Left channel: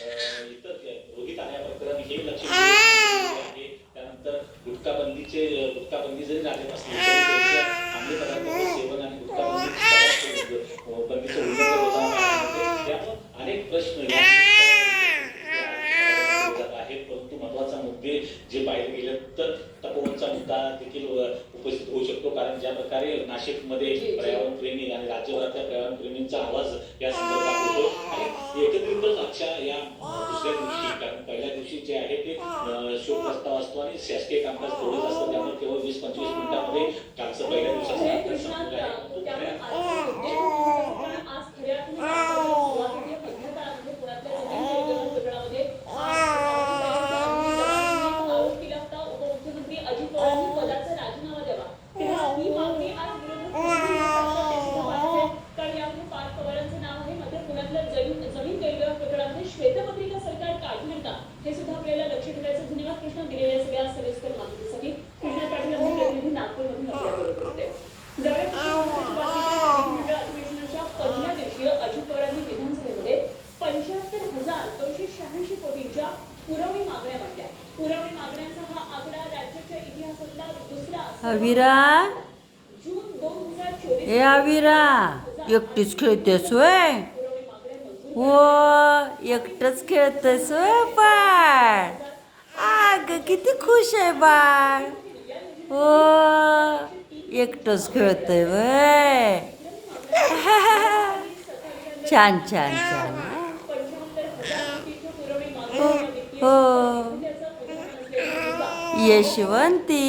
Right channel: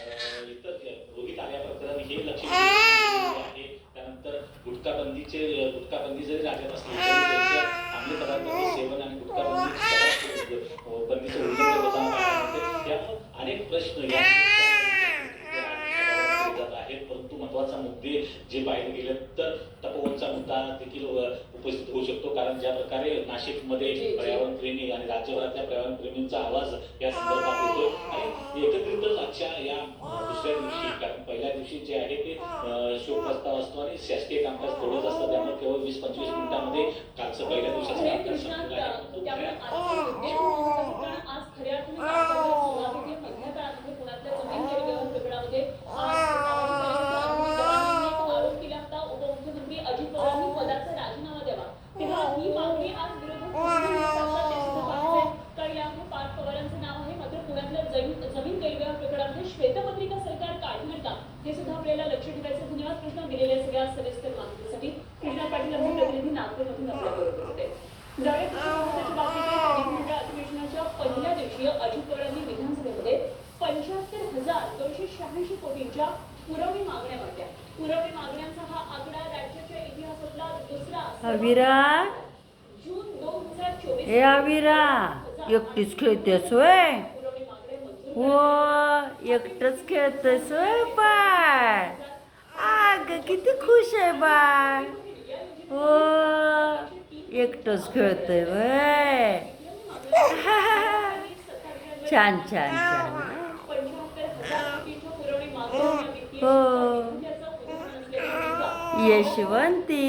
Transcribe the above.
इतर रोधित आल्या प्रकरण हे लक्ष आहे. त्यानंतर गुटखाबंदी जरी राज्यात असले तरी त्यांच्या अंमली पदार्थांचे सेवन आणि गुटखाबंदीचं उल्लंघन होताना त्यामुळे अनेक प्रश्न जात आहेत. परंतु महत्वाचा मुद्दे जे पाहिले गेले तर तपोवनचा मुद्दा देखील उपस्थित होऊ शकतो. कारण ज्या प्रकारे नाशिकमध्ये पर्यावरण प्रेमी आणि राज्यभरातल्या पर्यावरण प्रेमींचा आवाज या संदर्भात होतो आणि एकत्रितच आजच्या या दुसऱ्या दिवशी, कारण पहिल्या दिवशी जे आहे ते शोक प्रस्ताव असतो आणि शासकीय कामकाज थोडंच असतं. त्यामुळे केवळ 20-25 मिनिटांमध्ये कालचं पहिल्या दिवसाचं श्वेतपत्रिका सरकार काढणार का हे सुद्धा आपल्याला लक्ष ठेवायचं. धन्यवाद कृष्णा दिलेल्या सगळ्या सविस्तर माहितीसाठी. कृष्णा पाटील यांचे प्रतिनिधी नागपूरमधून आपल्याबरोबर होते. अधिवेशनाच्या पहिल्या दिवशी अजित पवारांनी विधानसभेमध्ये 75,286 कोटींच्या पुरवणी मागण्या मांडल्या. पुरवणी मागण्यांचा हा आकडा राज्याच्या इतिहासातला दुसरा अविरा जून 2024 ए अविरा एकटीच खेळतेस होय? हो एकटंच खेळतेस होय बाळ? अगं किती खुश आहे बाळ. हो एकटंच खेळतंय वय. छान छान छान. हो यशवंती